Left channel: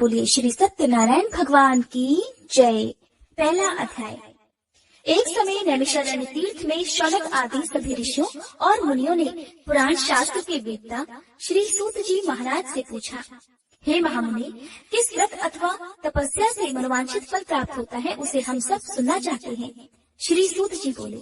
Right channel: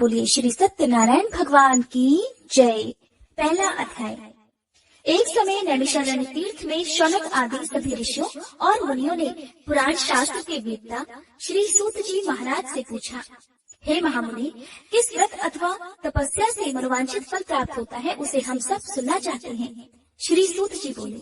बोलिए श्री सत्यनारायण भगवान की जय। पहला अध्याय। एक समय नैमिषारण्य तीर्थ में शौनक आदि सभी ऋषियों और मुनियों ने पुराण शास्त्र के वेत्ता श्री सूत जी महाराज से पूछा, हे महामुनि, किस व्रत अथवा तपस्या से मनोवांछित फल प्राप्त होता है, उसे हम सब सुनना चाहते हैं। श्री सूत जी बोले,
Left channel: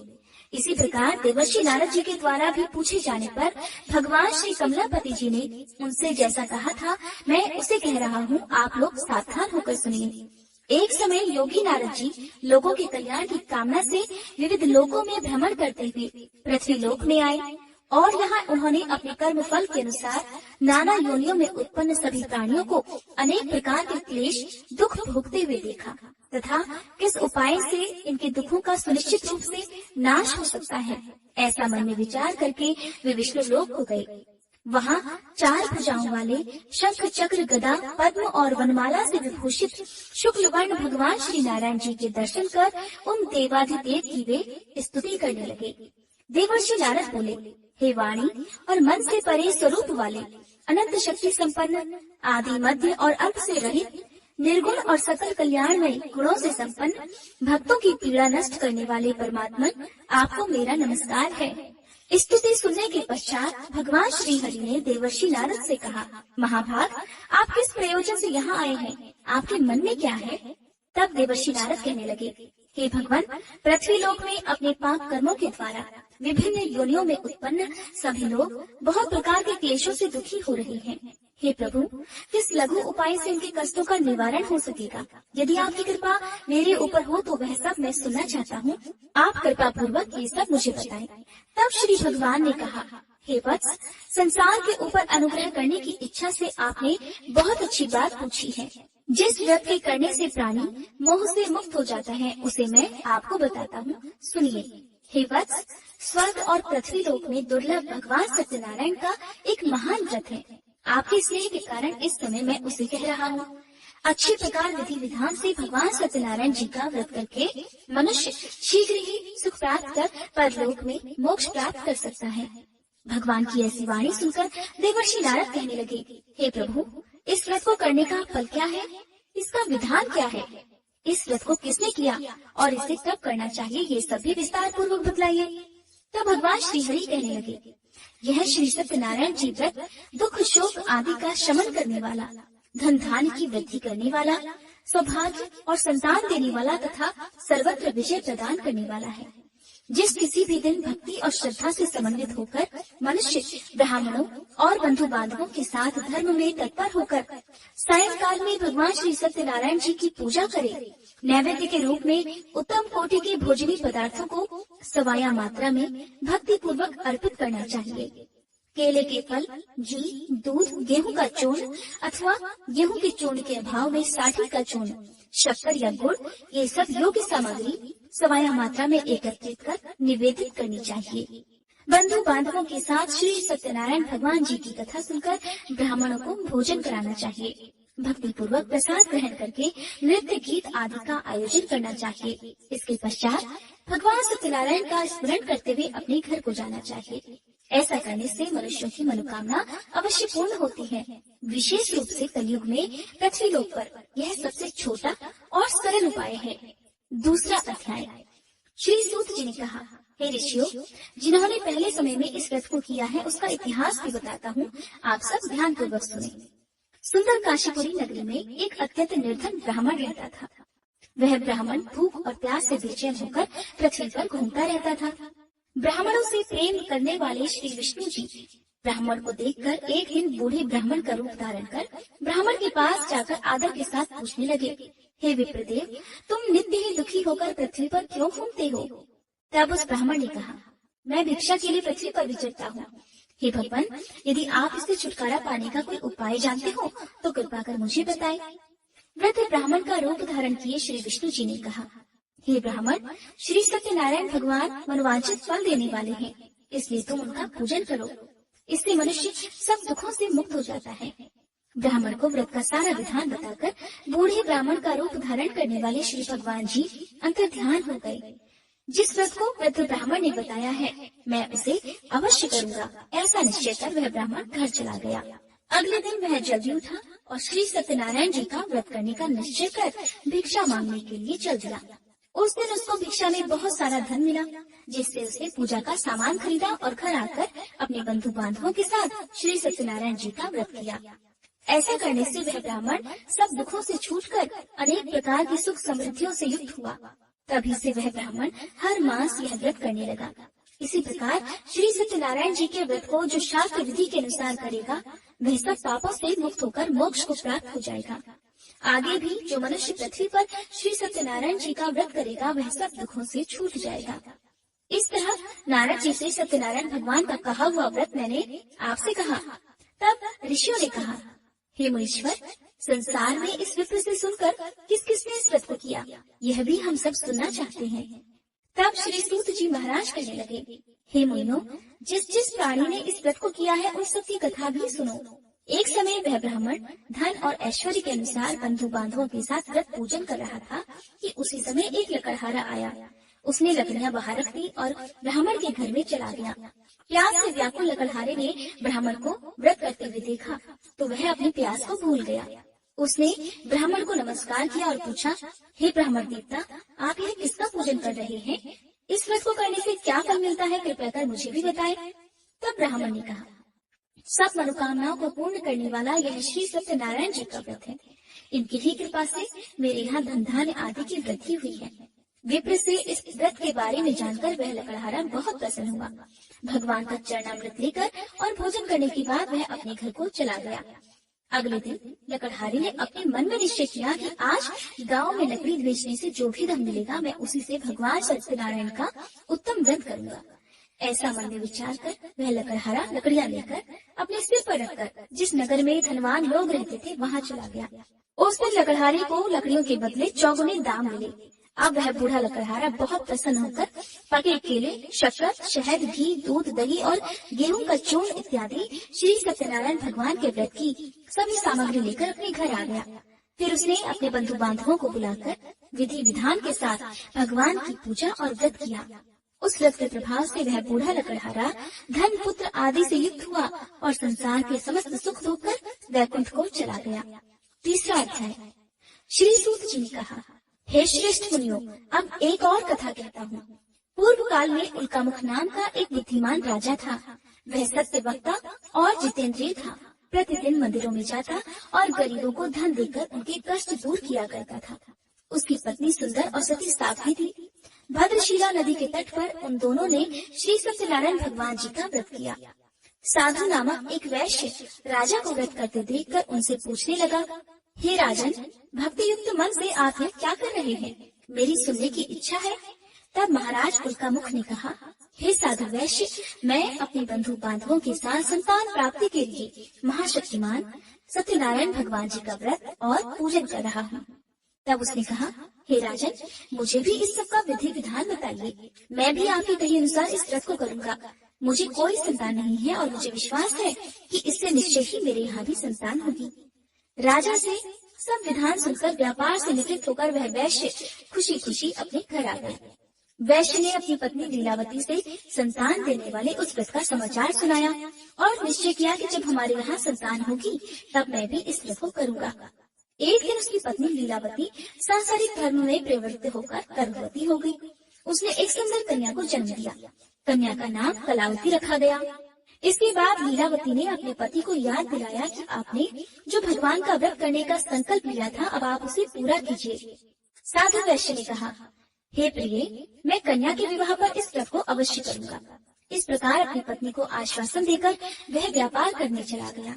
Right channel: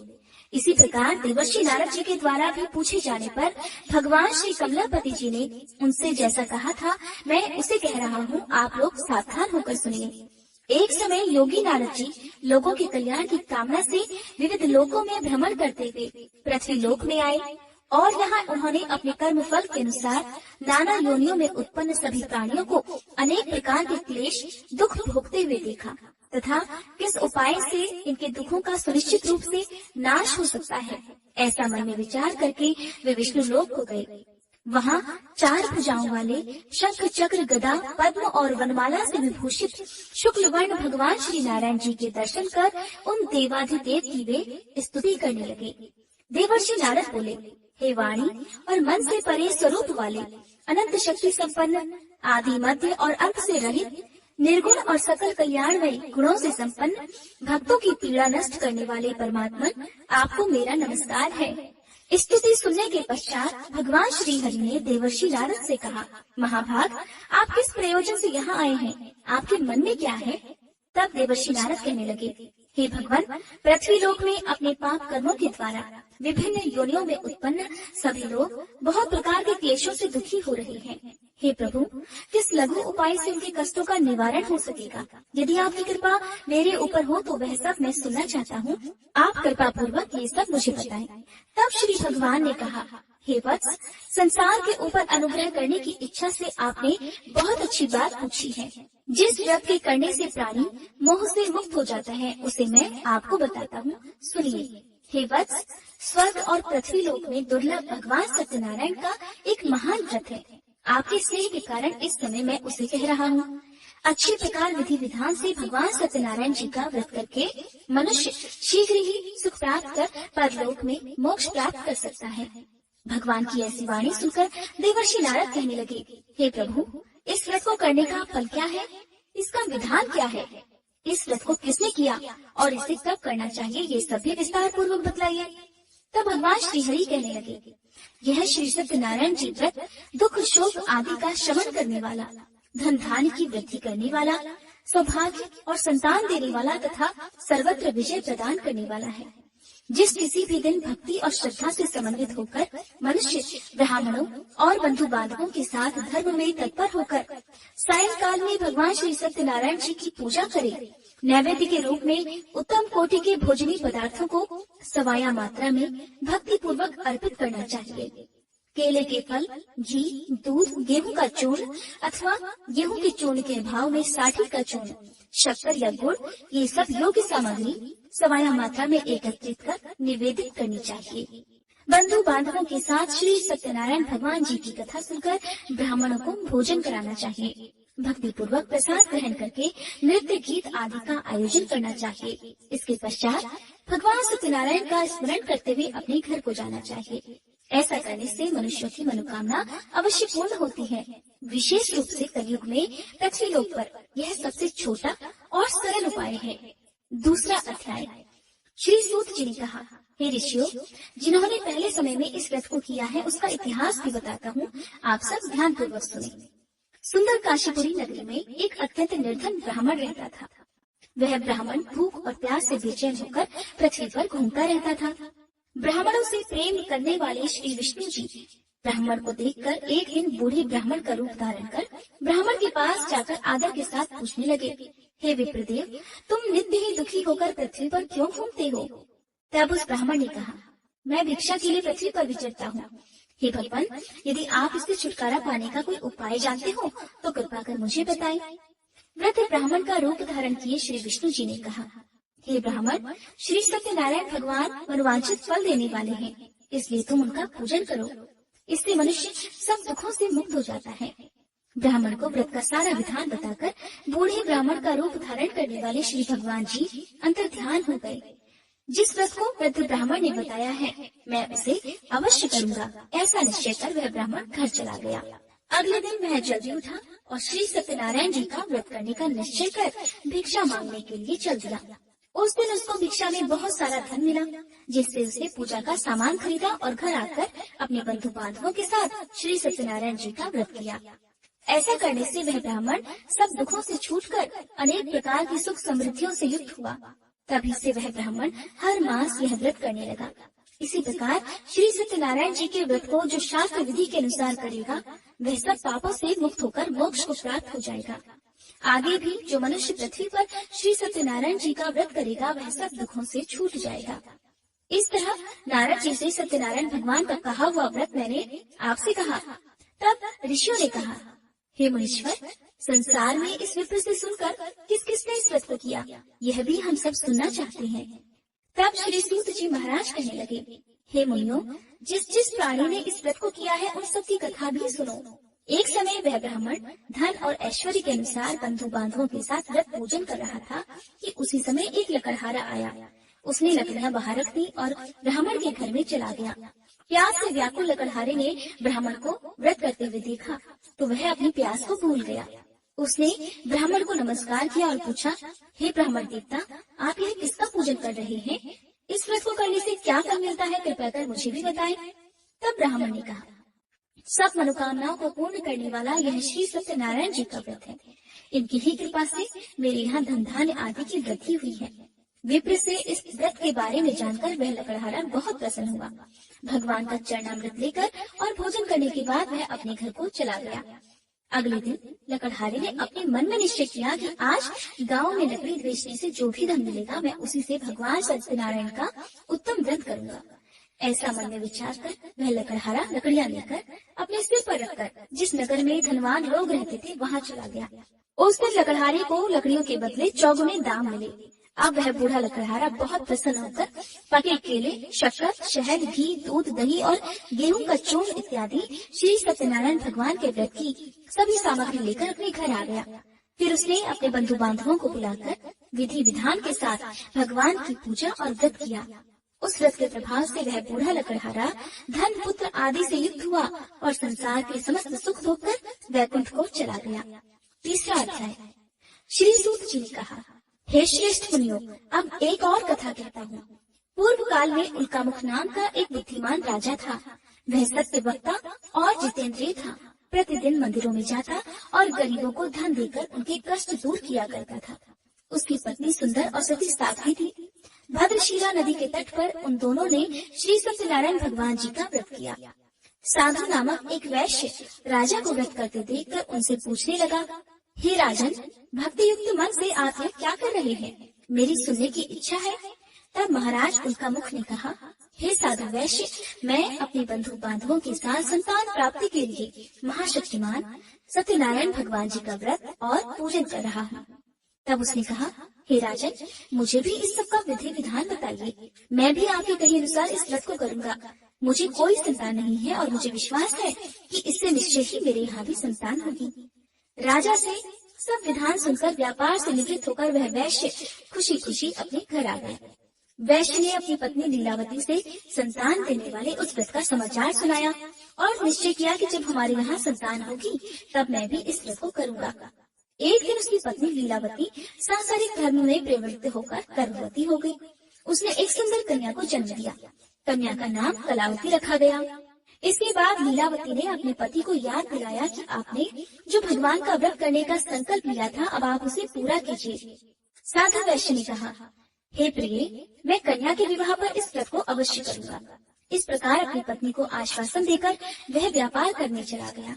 इसी प्रकार देवर्षि नारद जी के द्वारा भी पूछे जाने पर भगवान श्री कमलापति जी ने उनसे जैसा कहा था, मैं उसे कह रहा हूँ, आप लोग सावधान होकर सुनिए। एक समय योगी नारद जी लोगों के कल्याण की कामना से विविध लोकों में भ्रमण करते हुए पृथ्वी लोक में आए और यहाँ उन्होंने अपने कर्म फल के अनुसार नाना योनियों में उत्पन्न सभी प्राणियों को अनेक प्रकार के क्लेश दुख भोगते हुए देखा तथा किस उपाय से इनके दुखों का सुनिश्चित रूप से नाश हो सकता है, ऐसा मन में विचार करके वे विष्णु लोक को गए। वहाँ 4 भुजाओं वाले शंख चक्र गदा पद्म और वनमाला से विभूषित शुक्ल वर्ण भगवान श्री नारायण जी के दर्शन कर उन देवाधिदेव की वे स्तुति करने लगे। देवर्षि नारद बोले, हे वाणी और मन से परे स्वरूप वाले, अनंत शक्ति संपन्न, आदि मध्य और अंत से रहित, निर्गुण और सकल कल्याणमय गुणों से संपन्न, भक्तों की पीड़ा नष्ट करने वाले परमात्मा, आपको मेरा नमस्कार है। स्तुति सुनने के पश्चात भगवान श्री हरि ने देवर्षि नारद से कहा, महाभाग, आप किस प्रयोजन से यहाँ आए हैं, आपके मन में क्या है? तब देवर्षि नारद कहने लगे, हे भगवान, पृथ्वी लोक में अपने पाप कर्मों के द्वारा विभिन्न योनियों में उत्पन्न सभी लोग बहुत प्रकार के क्लेशों से दुखी हो रहे हैं। हे प्रभु, किस लघु उपाय से उनके कष्टों का निवारण हो सकेगा? यदि आपकी कृपा मेरे ऊपर हो तो वह सब मैं सुनना चाहता हूँ। आप कृपा पूर्वक ये सब मुझे बताएं। तब श्री भगवान ने कहा, हे वत्स, संसार के ऊपर अनुग्रह करने की इच्छा से आपने बहुत अच्छी बात पूछी है। जिस व्रत के करने से प्राणी मोह से मुक्त हो जाता है, उसे मैं आपको बताता हूँ, सुनिए। हे वत्स, स्वर्ग और पृथ्वी लोक में दुर्लभ भगवान सत्यनारायण का एक महान व्रत है। आपके स्नेह के कारण इस समय मैं उसे कह रहा हूँ। अच्छे प्रकार विधि विधान से भगवान सत्यनारायण जी का व्रत करके मनुष्य शीघ्र ही सुख प्राप्त कर परलोक में मोक्ष प्राप्त कर सकता है। भगवान की ऐसी वाणी सुनकर देवर्षि नारद कहने लगे, हे प्रभु, इस व्रत को करने का फल क्या है? इसका विधान क्या है? इस व्रत को किसने किया और इसे कब करना चाहिए, ये सभी विस्तार पूर्वक बतलाइए। तब भगवान श्री हरि कहने लगे, यह श्री सत्यनारायण जी व्रत दुख शोक आदि का शमन करने वाला, धन धान्य की वृद्धि करने वाला, सौभाग्य और संतान देने वाला तथा सर्वत्र विजय प्रदान करने वाला है। जिस किसी भी दिन भक्ति और श्रद्धा से समन्वित होकर मनुष्य ब्राह्मणों और बंधु बांधवों के साथ धर्म में तत्पर होकर सायंकाल में भगवान श्री सत्यनारायण जी की पूजा करे, नैवेद्य के रूप में उत्तम कोटि के भोजनी पदार्थों को सवाया मात्रा में भक्ति पूर्वक अर्पित करना चाहिए। केले के फल, घी, दूध, गेहूं का चूर्ण अथवा गेहूं के चूर्ण के अभाव में साठी का चूर्ण, शक्कर या गुड़, ये सब योग्य सामग्री सवाया मात्रा में एकत्रित कर निवेदित करनी चाहिए। बंधु बांधवों के साथ श्री सत्यनारायण भगवान जी की कथा सुनकर ब्राह्मणों को भोजन कराना चाहिए। भक्ति पूर्वक प्रसाद ग्रहण करके नृत्य गीत आदि का आयोजन करना चाहिए। इसके पश्चात भगवान सत्यनारायण का स्मरण करते हुए अपने घर को जाना चाहिए। ऐसा करने से मनुष्यों की मनोकामना अवश्य पूर्ण होती है। विशेष रूप से कलयुग में पृथ्वी लोक पर यह सबसे छोटा और सरल उपाय है। दूसरा अध्याय। श्री सूत जी ने कहा, हे ऋषियों, जिन्होंने पहले समय में इस व्रत को किया है उसका इतिहास भी बताता हूँ, आप सब ध्यान पूर्वक सुने। सुंदर काशीपुरी नगरी में एक अत्यंत निर्धन ब्राह्मण रहता था। वह ब्राह्मण भूख और प्यास से बेचैन होकर पृथ्वी पर घूमता रहता था। ब्राह्मणों से प्रेम करने वाले श्री विष्णु जी ब्राह्मण को देखकर एक दिन बूढ़े ब्राह्मण का रूप धारण कर ब्राह्मण के पास जाकर आदर के साथ पूछने लगे, हे विप्रदेव, तुम नित्य ही दुखी होकर पृथ्वी पर क्यों घूमते हो? तब उस ब्राह्मण ने कहा, मैं भिक्षा के लिए पृथ्वी पर विचरता हूँ। हे भगवान, यदि आप इससे छुटकारा पाने का कोई उपाय जानते हो तो कृपा कर मुझे बताएं। वृद्ध ब्राह्मण का रूप धारण किए श्री विष्णु जी ने कहा, हे ब्राह्मण, श्री सत्यनारायण भगवान मनोवांछित फल देने वाले हैं, इसलिए तुम उनका पूजन करो। इससे मनुष्य सब दुखों से मुक्त हो जाता है। ब्राह्मण को व्रत का सारा विधान बताकर बूढ़े ब्राह्मण का रूप धारण करने वाले श्री भगवान जी अंतर्ध्यान हो गए। जिस व्रत को वृद्ध ब्राह्मण ने बताया है, मैं उसे अवश्य करूंगा, ऐसा निश्चय कर वह ब्राह्मण घर चला गया। अगले दिन वह जल्दी उठा और श्री सत्यनारायण जी का व्रत करने का निश्चय कर भिक्षा मांगने के लिए चल दिया। उस दिन उसको भिक्षा में बहुत सारा धन मिला, जिससे उसने पूजा का सामान खरीदा और घर आकर अपने बंधु बांधवों के साथ श्री सत्यनारायण जी का व्रत किया। ऐसा करने से वह ब्राह्मण सब दुखों से छूटकर अनेक प्रकार की सुख समृद्धियों से युक्त हुआ। तभी से वह ब्राह्मण हर मास यह व्रत करने लगा। इसी प्रकार श्री सत्यनारायण जी के व्रत को जो शास्त्र विधि के अनुसार करेगा, वह सब पापों से मुक्त होकर मोक्ष को प्राप्त हो जाएगा। आगे भी जो मनुष्य पृथ्वी पर श्री सत्यनारायण जी का व्रत करेगा, वह सब दुखों से छूट जाएगा। इस तरह नारद जी से सत्यनारायण भगवान का कहा हुआ व्रत मैंने आपसे कहा। तब ऋषियों ने कहा, हे मुनीश्वर, संसार में इस विप्र से सुनकर किस किसने इस व्रत को किया, यह भी हम सब सुनना चाहते हैं। तब श्री सूत जी महाराज कहने लगे, हे मुनियों, जिस जिस प्राणी ने इस व्रत को किया है, उन सब की कथा भी सुनो। एक समय वह ब्राह्मण धन और ऐश्वर्य के अनुसार बंधु बांधवों के साथ व्रत पूजन कर रहा था कि उसी समय एक लकड़हारा आया। उसने लकड़ियां बाहर रख दी और ब्राह्मण के घर में चला गया। प्यास से व्याकुल लकड़हारे ने ब्राह्मण को व्रत करते हुए देखा तो वह अपनी प्यास को भूल गया। उसने ब्राह्मण को नमस्कार किया और पूछा, हे ब्राह्मण देवता, आप यह किसका पूजन कर रहे हैं? इस व्रत को करने से क्या फल मिलता है, कृपया कर मुझे भी बताए। तब ब्राह्मण ने कहा, सब मनोकामनाओं को पूर्ण करने वाला यह श्री सत्यनारायण जी का व्रत है। इनकी ही कृपा से मेरे यहाँ धन धान्य आदि की वृद्धि हुई है। विप्र से इस व्रत के बारे में जानकर वह लकड़हारा बहुत प्रसन्न हुआ। भगवान का चरणामृत लेकर और भोजन करने के बाद वह अपने घर को चला गया। अगले दिन लकड़हारे ने अपने मन में निश्चय किया कि आज गांव में लकड़ी बेचने से जो भी धन मिलेगा, मैं उसी से भगवान सत्यनारायण का उत्तम व्रत करूंगा। ऐसा मन में विचार कर वह लकड़हारा लकड़ियां लेकर अपने सिर पर रखकर जिस नगर में धनवान लोग रहते थे, वहां चला गया। उस दिन लकड़हारे को लकड़ियों के बदले चौगुने दाम मिले। अब वह बूढ़ा लकड़हारा बहुत प्रसन्न होकर पके केले, शक्कर, शहद, घी, दूध, दही और गेहूं का चूर्ण इत्यादि श्री सत्यनारायण भगवान के व्रत की सभी सामग्री लेकर अपने घर आ गया। फिर उसने अपने बंधु बांधवों को बुलाकर विधि विधान के साथ भगवान की पूजा और व्रत किया। उस व्रत के प्रभाव से वह बूढ़ा लकड़हारा धन, पुत्र आदि से युक्त हुआ और संसार के समस्त सुख होकर वैकुंठ को चला गया। तीसरा अध्याय। श्री सूत जी ने कहा, हे श्रेष्ठ मुनियों, अब एक और कथा कहता हूँ। पूर्व काल में उल्कामुख नाम का एक बुद्धिमान राजा था। वह सत्य वक्ता और जितेंद्रिय था। प्रतिदिन मंदिरों में जाता और गरीबों को धन देकर उनके कष्ट दूर किया करता था। उसकी पत्नी सुंदर और सती साध्वी थी। भद्रशिला नदी के तट पर उन दोनों ने श्री सत्यनारायण भगवान जी का व्रत किया। साधु नामक एक वैश्य राजा को व्रत करते देखकर उनसे पूछने लगा, हे राजन, भक्ति युक्त मन से आप यह क्या कर रहे हैं? मेरी सुनने की इच्छा है। तब महाराज उल्कामुख ने कहा, हे साधु वैश्य, मैं अपने बंधु बांधवों के साथ संतान प्राप्ति के लिए महाशक्तिमान सत्यनारायण भगवान जी का व्रत और पूजन कर रहा हूँ। तब उसने कहा, हे राजन, मुझे भी इस सब का विधि विधान बताइए। मैं भी आपके कहे अनुसार इस व्रत को करूँगा। मुझे कोई संतान नहीं है और मुझे विश्वास है कि इससे निश्चय ही मेरे यहाँ भी संतान होगी। राजा से सब विधान सुनकर व्यापार से निवृत्त होकर वह वैश्य खुशी खुशी अपने घर आ गया। वैश्य ने अपनी पत्नी लीलावती से संतान देने वाले उस व्रत का समाचार सुनाया और निश्चय किया कि जब हमारे यहाँ संतान होगी तब मैं भी इस व्रत को करूँगा। एक दिन उसकी पत्नी लीलावती सांसारिक धर्म में प्रवृत्त होकर गर्भवती हो गई। उसने एक सुंदर कन्या को जन्म दिया। कन्या का नाम कलावती रखा गया। इसके बाद लीलावती ने अपने पति को याद दिलाया कि आपने जो भगवान का व्रत करने का संकल्प लिया था, अब आप उसे पूरा कीजिए। साधु वैश्य ने कहा, हे प्रिय, मैं कन्या के विवाह पर इस व्रत को अवश्य करूँगा। इस प्रकार अपनी पत्नी को आश्वासन देकर वह व्यापार करने चला गया।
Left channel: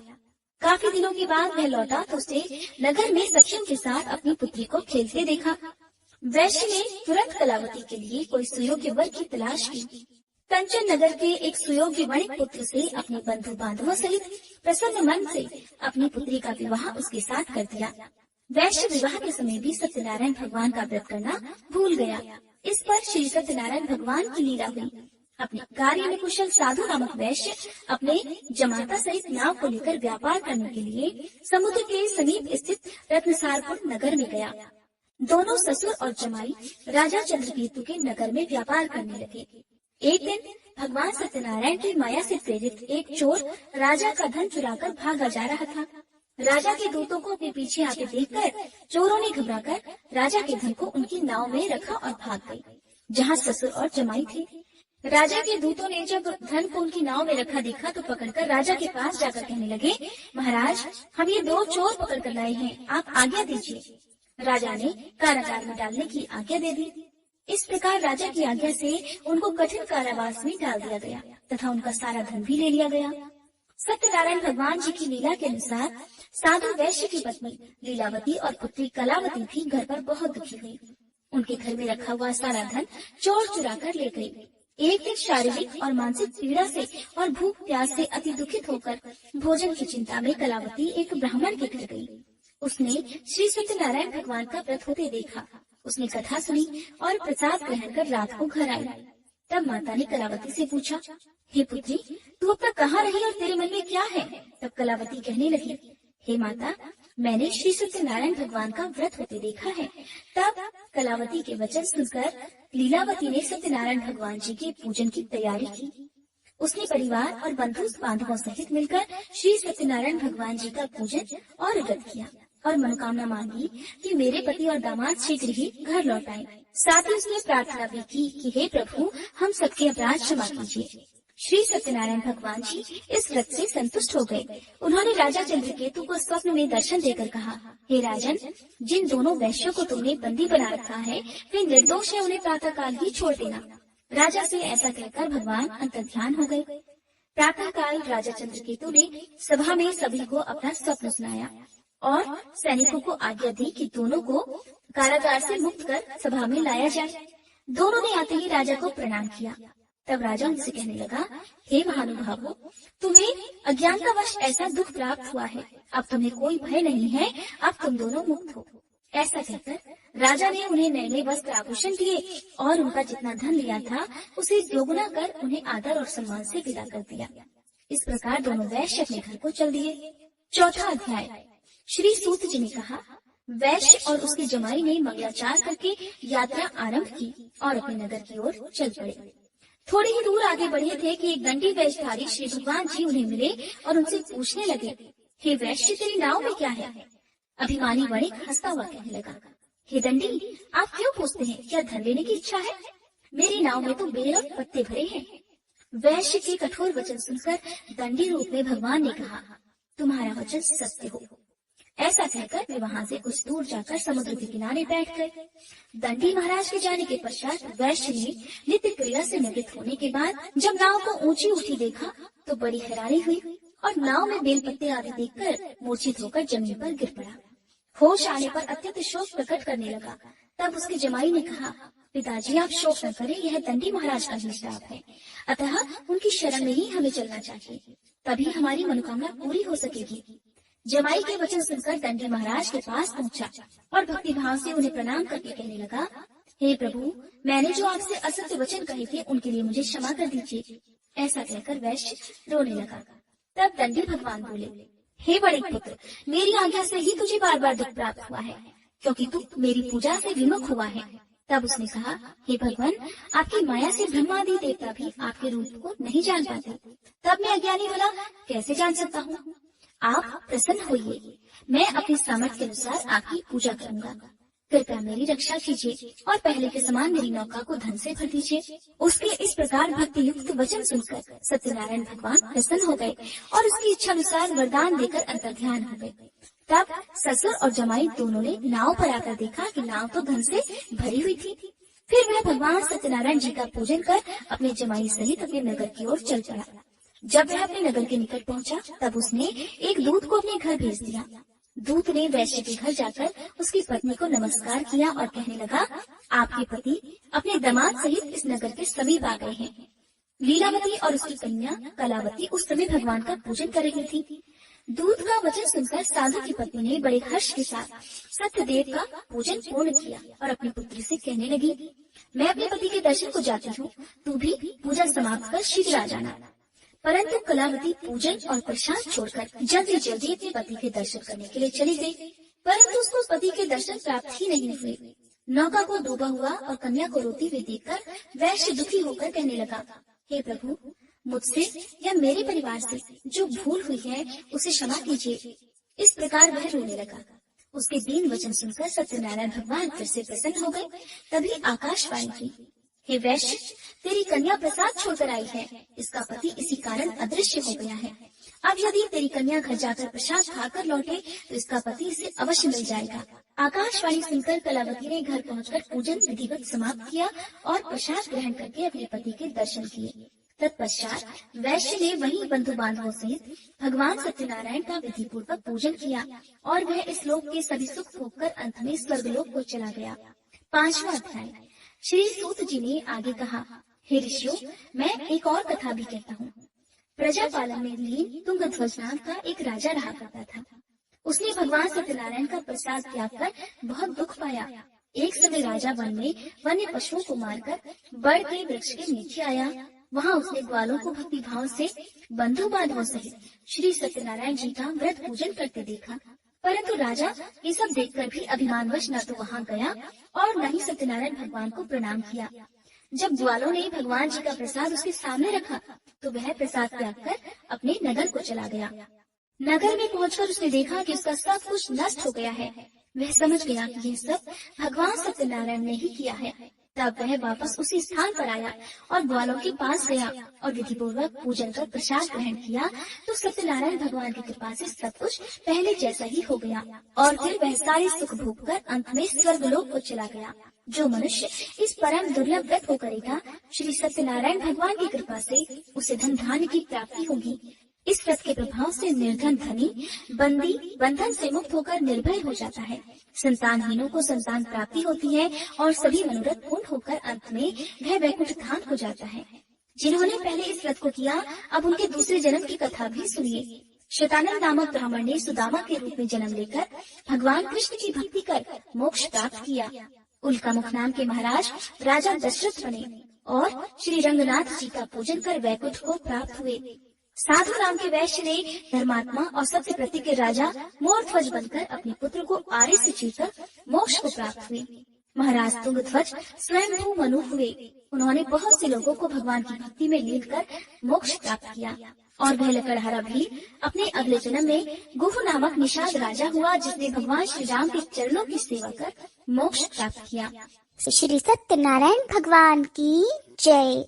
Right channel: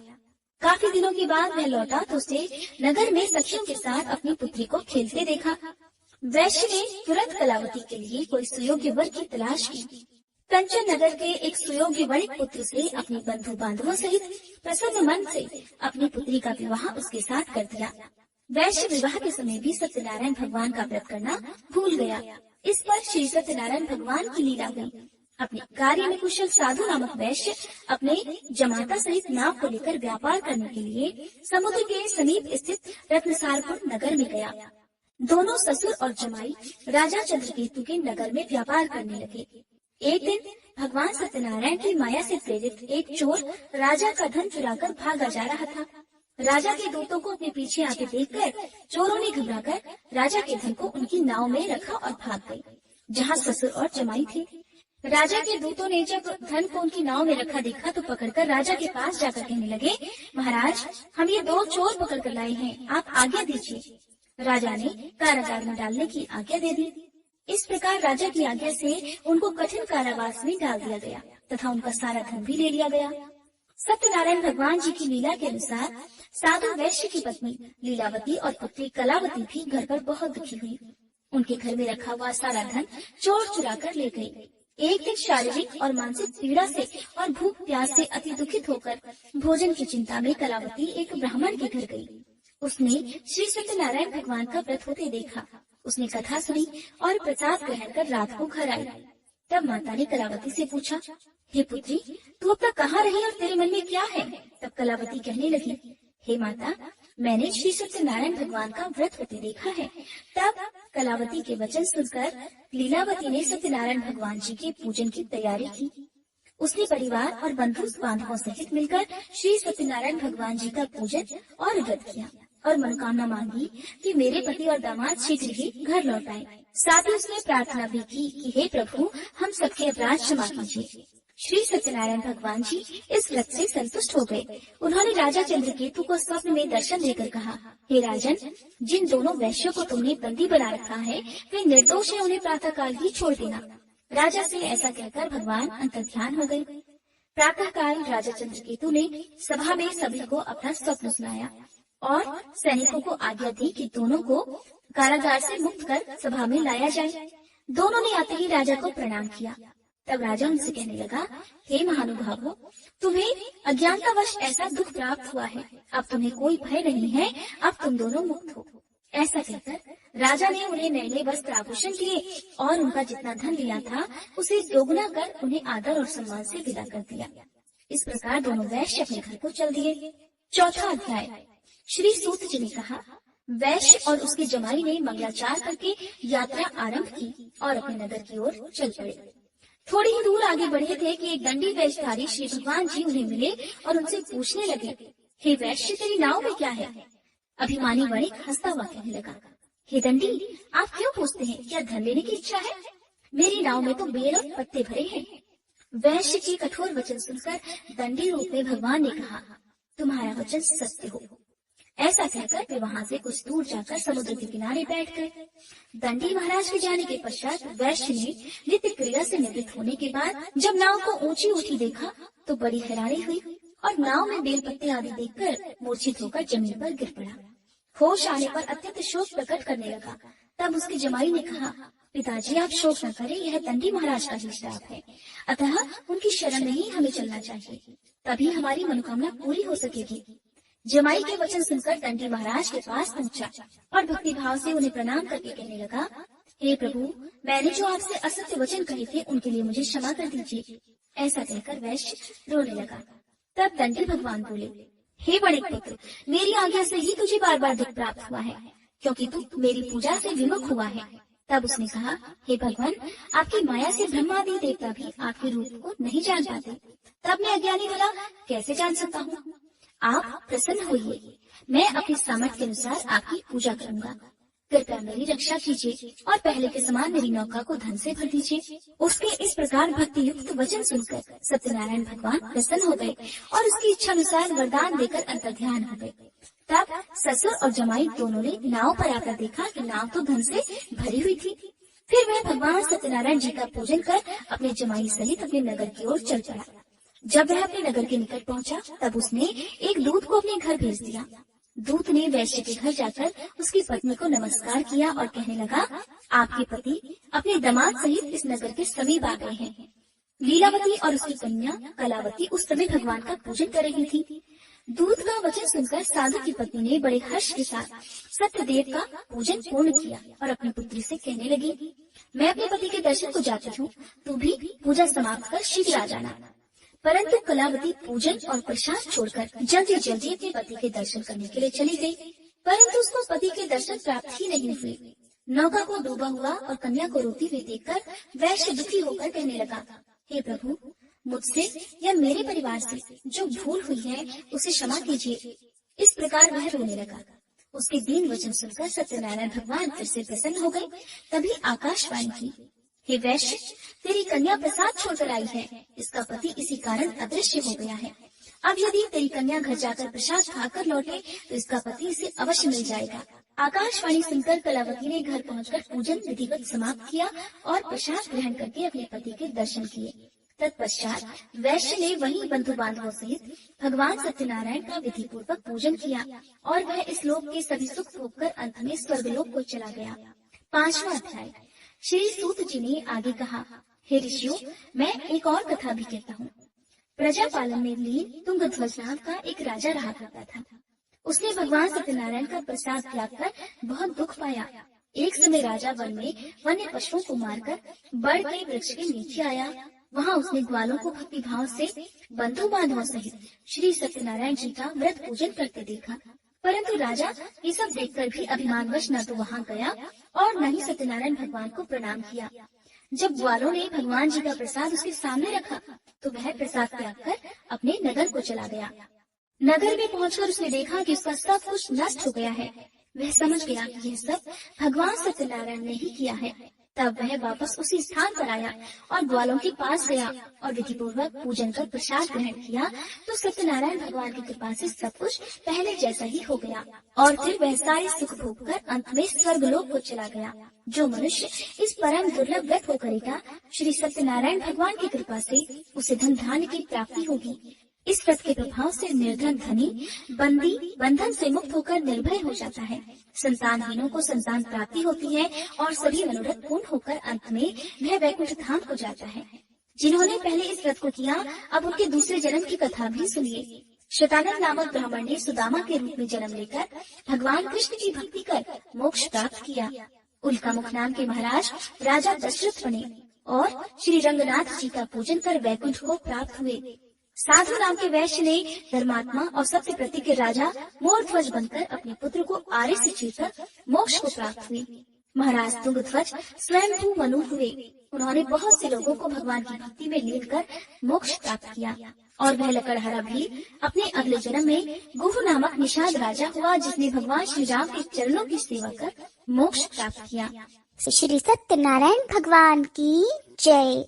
काफी दिनों के बाद वह लौटा तो उसने नगर में सखियों के साथ अपनी पुत्री को खेलते देखा। वैश्य ने तुरंत कलावती के लिए कोई सुयोग्य वर की तलाश की। कंचन नगर के एक सुयोग्य वणिक पुत्र से अपने बंधु बांधवों सहित प्रसन्न मन से अपनी पुत्री का विवाह उसके साथ कर दिया। वैश्य विवाह के समय भी सत्यनारायण भगवान का व्रत करना भूल गया। इस पर श्री सत्यनारायण भगवान की लीला हुई। अपने कार्य में कुशल साधु नामक वैश्य अपने जमाता सहित नाव को लेकर व्यापार करने के लिए समुद्र के समीप स्थित रत्नसारपुर नगर में गया। दोनों ससुर और जमाई राजा चंद्रकेतु के नगर में व्यापार करने लगे। एक दिन भगवान सत्यनारायण की माया से प्रेरित एक चोर राजा का धन चुराकर भागा जा रहा था। राजा के दूतों को अपने पीछे आते देखकर चोरों ने घबराकर राजा के धन को उनकी नाव में रखा और भाग गए, जहाँ ससुर और जमाई थे। राजा के दूतों ने जब धन को उनकी नाव में रखा देखा तो पकड़कर राजा के पास जाकर कहने लगे, महाराज, हम ये 2 चोर पकड़ कर लाए हैं, आप आज्ञा दीजिए। राजा ने कारागार में डालने की आज्ञा दे दी। इस प्रकार राजा की आज्ञा से उनको कठिन कारावास में डाल दिया गया तथा उनका सारा धन भी ले लिया गया। सत्यनारायण भगवान जी की लीला के अनुसार साधु वैश्य की पत्नी लीलावती और पुत्री कलावती भी घर पर बहुत दुखी हुई। उनके घर में रखा हुआ सारा धन चोर चुरा कर ले गए। एक दिन शारीरिक और मानसिक पीड़ा से और भूख प्यास से अति दुखित होकर भोजन की चिंता में कलावती एक ब्राह्मण के घर गई। उसने श्री सत्यनारायण भगवान का व्रत होते देखा। उसने कथा सुनी और प्रसाद ग्रहण कर रात को घर आई। तब माता ने कलावती से पूछा, हे पुत्री, तू अब तक कहाँ रही और तेरे मन में क्या है? तब कलावती कहने लगी, हे माता, मैंने श्री सत्यनारायण भगवान का व्रत होते देखा है। तब कलावती के वचन सुनकर लीलावती ने सत्यनारायण भगवान जी के पूजन की तैयारी की। उसने परिवार और बंधु बांधवों सहित मिलकर श्री सत्यनारायण भगवान जी का पूजन और व्रत किया और मनोकामना मांगी कि मेरे पति और दामाद शीघ्र ही घर लौट आए। साथ ही उसने प्रार्थना भी की कि हे प्रभु, हम सबके अपराध क्षमा कीजिए। श्री सत्यनारायण भगवान जी इस व्रत से संतुष्ट हो गए। उन्होंने राजा चंद्रकेतु को स्वप्न में दर्शन देकर कहा, हे राजन, जिन दोनों वैश्यों को तुमने बंदी बना रखा है वे निर्दोष है, उन्हें प्रातः काल ही छोड़ देना। राजा से ऐसा कहकर भगवान अंतर्ध्यान हो गए। प्रातः काल राजा चंद्रकेतु ने सभा में सभी को अपना स्वप्न सुनाया और सैनिकों को आज्ञा दी कि दोनों को कारागार से मुक्त कर सभा में लाया जाए। दोनों ने आते ही राजा को प्रणाम किया। तब राजा उनसे कहने लगा, हे महानुभावों, तुम्हें अज्ञानतावश ऐसा दुख प्राप्त हुआ है, अब तुम्हें कोई भय नहीं है, अब तुम दोनों मुक्त हो। ऐसा कहकर राजा ने उन्हें नए नए वस्त्र आभूषण दिए और उनका जितना धन लिया था उसे दोगुना कर उन्हें आदर और सम्मान से विदा कर दिया। इस प्रकार दोनों वैश्य अपने घर को चल दिए। चौथा अध्याय। श्री सूत जी ने कहा, वैश्य और उसके जमाई ने मंगलाचार करके यात्रा आरंभ की और अपने नगर की ओर चल पड़े। थोड़ी ही दूर आगे बढ़े थे कि एक दंडी वेशधारी श्री भगवान जी उन्हें मिले और उनसे पूछने लगे, हे वैश्य, तेरी नाव में क्या है? अभिमानी वणिक हंसता हुआ कहने लगा, हे दंडी, आप क्यों पूछते हैं? क्या धन लेने की इच्छा है? मेरी नाव में तो बेल और पत्ते भरे हैं। वैश्य के कठोर वचन सुनकर दंडी रूप में भगवान ने कहा, तुम्हारा वचन सत्य हो। ऐसा कहकर वे वहाँ से कुछ दूर जाकर समुद्र के किनारे बैठ गए। दंडी महाराज के जाने के पश्चात वैश्य ने नित्य क्रिया से निवृत्त होने के बाद जब नाव को ऊंची उठी देखा तो बड़ी हैरानी हुई और नाव में बेलपत्ते आदि देखकर मूर्छित होकर जमीन पर गिर पड़ा। होश आने पर अत्यंत शोक प्रकट करने लगा। तब उसके जमाई ने कहा, पिताजी, आप शोक न करें, यह दंडी महाराज का ही श्राप है, अतः उनकी शरण में ही हमें चलना चाहिए, तभी हमारी मनोकामना पूरी हो सकेगी। जमाई के वचन सुनकर दंडी महाराज के पास पहुंचा और भक्ति भाव से उन्हें प्रणाम करके कहने लगा, हे प्रभु, मैंने जो आपसे असत्य वचन कहे थे उनके लिए मुझे क्षमा कर दीजिए। ऐसा कहकर वैश्य रोने लगा। तब दंडी भगवान बोले, हे वणिक पुत्र, मेरी आज्ञा से ही तुझे बार बार दुख प्राप्त हुआ है, क्योंकि तू मेरी पूजा से विमुख हुआ है। तब उसने कहा, हे भगवान, आपकी माया से ब्रह्मादि देवता भी आपके रूप को नहीं जान पाते। तब मैं अज्ञानी भला कैसे जान सकता हूँ? आप प्रसन्न होइए, मैं अपनी सामर्थ्य के अनुसार आपकी पूजा करूंगा। कृपया मेरी रक्षा कीजिए और पहले के समान मेरी नौका को धन से भर दीजिए। उसके इस प्रकार भक्ति युक्त वचन सुनकर सत्यनारायण भगवान प्रसन्न हो गए और उसकी इच्छा अनुसार वरदान देकर अंतर्ध्यान हो गए। तब ससुर और जमाई दोनों ने नाव पर आकर देखा कि नाव तो धन से भरी हुई थी। फिर वह भगवान सत्यनारायण जी का पूजन कर अपने जमाई सहित अपने नगर की ओर चल पड़ा। जब वह अपने नगर के निकट पहुंचा तब उसने एक दूत को अपने घर भेज दिया। दूत ने वैश्य के घर जाकर उसकी पत्नी को नमस्कार किया और कहने लगा, आपके पति अपने दामाद सहित इस नगर के समीप आ गए हैं। लीलावती और उसकी कन्या कलावती उस समय भगवान का पूजन कर रही थी। दूत का वचन सुनकर साधु की पत्नी ने बड़े हर्ष के साथ सत्यदेव का पूजन पूर्ण किया और अपनी पुत्री से कहने लगी, मैं अपने पति के दर्शन को जाती हूँ, तू भी पूजा समाप्त कर शीघ्र आ जाना। परंतु कलावती पूजन और प्रसाद छोड़कर जल्दी जल्दी अपने पति के दर्शन करने के लिए चली गई, परंतु उसको पति के दर्शन प्राप्त ही नहीं हुए। नौका को डूबा हुआ और कन्या को रोती हुई देखकर वैश्य दुखी होकर कहने लगा, हे प्रभु, मुझसे या मेरे परिवार से जो भूल हुई है उसे क्षमा कीजिए। इस प्रकार वह रोने लगा। उसके दीन वचन सुनकर सत्यनारायण भगवान फिर से प्रसन्न हो गए। तभी आकाशवाणी की, हे वैश्य, तेरी कन्या प्रसाद छोड़कर आई है। इसका पति इसी कारण अदृश्य हो गया है। अब यदि तेरी कन्या घर जाकर प्रसाद खाकर लौटे तो इसका पति इसे अवश्य मिल जाएगा। आकाशवाणी सुनकर कलावती ने घर पहुंचकर पूजन विधिवत समाप्त किया और प्रसाद ग्रहण करके अपने पति के दर्शन किए। तत्पश्चात वैश्य ने वही बंधु बांधवों सहित भगवान सत्यनारायण का विधि पूर्वक पूजन किया और वह इस लोक के सभी सुख भोगकर अंत में स्वर्गलोक को चला गया। 5वां अध्याय। श्री सूत जी ने आगे कहा, हे ऋषियों, मैं एक और कथा भी कहता हूँ। प्रजापालन में लीन तुंगध्वज नाम का एक राजा रहा करता था। उसने भगवान सत्यनारायण का प्रसाद त्याग कर बहुत दुख पाया। एक समय राजा वन में वन्य पशुओं को मारकर बड़ के वृक्ष के नीचे आया। वहाँ उसने ग्वालों को भक्ति भाव से बंधु बांधवों सहित श्री सत्यनारायण जी का व्रत पूजन करते देखा। परंतु राजा ये सब देखकर भी अभिमानवश न तो वहाँ गया और न ही सत्यनारायण भगवान को प्रणाम किया। जब ग्वालों ने भगवान जी का प्रसाद उसके सामने रखा तो वह प्रसाद त्याग कर अपने नगर को चला गया। नगर में पहुंचकर उसने देखा कि उसका सब कुछ नष्ट हो गया है। वह समझ गया कि यह सब भगवान सत्यनारायण ने ही किया है। तब वह वापस उसी स्थान पर आया और ग्वालों के पास गया और विधि पूर्वक पूजन कर प्रसाद ग्रहण किया तो सत्यनारायण भगवान की कृपा से सब कुछ पहले जैसा ही हो गया और फिर वह सारे सुख भोग कर अंत में स्वर्गलोक को चला गया। जो मनुष्य इस परम दुर्लभ व्रत को करेगा, श्री सत्यनारायण भगवान की कृपा से उसे धन धान्य की प्राप्ति होगी। इस व्रत के प्रभाव से निर्धन धनी बंदी बंधन से मुक्त होकर निर्भय हो जाता है। संतानहीनों को संतान प्राप्ति होती है और सभी मनोरथ पूर्ण होकर अंत में वह वैकुंठ धाम को जाता है। जिन्होंने पहले इस व्रत को किया, अब उनके दूसरे जन्म की कथा भी सुनिए। श्वेतानंद नामक ब्राह्मण ने सुदामा के रूप में जन्म लेकर भगवान कृष्ण की भक्ति कर मोक्ष प्राप्त किया। उल्कामुख नाम के महाराज राजा दशरथ बने और श्री रंगनाथ जी का पूजन कर वैकुंठ को प्राप्त हुए। साधु नाम के वैश्य ने धर्मात्मा और सत्य प्रति के राजा मोरध्वज बनकर अपने पुत्र को आर्य से चीरकर मोक्ष को प्राप्त हुए। महाराज तुंगध्वज स्वयं मनु हुए। उन्होंने बहुत से लोगों को भगवान की भक्ति में लीन कर मोक्ष प्राप्त किया और वह लकड़हरा भी अपने अगले जन्म में गुह नामक निषाद राजा हुआ, जिसने भगवान श्री राम के चरणों की सेवा कर मोक्ष प्राप्त किया। श्री सत्यनारायण भगवान की जय।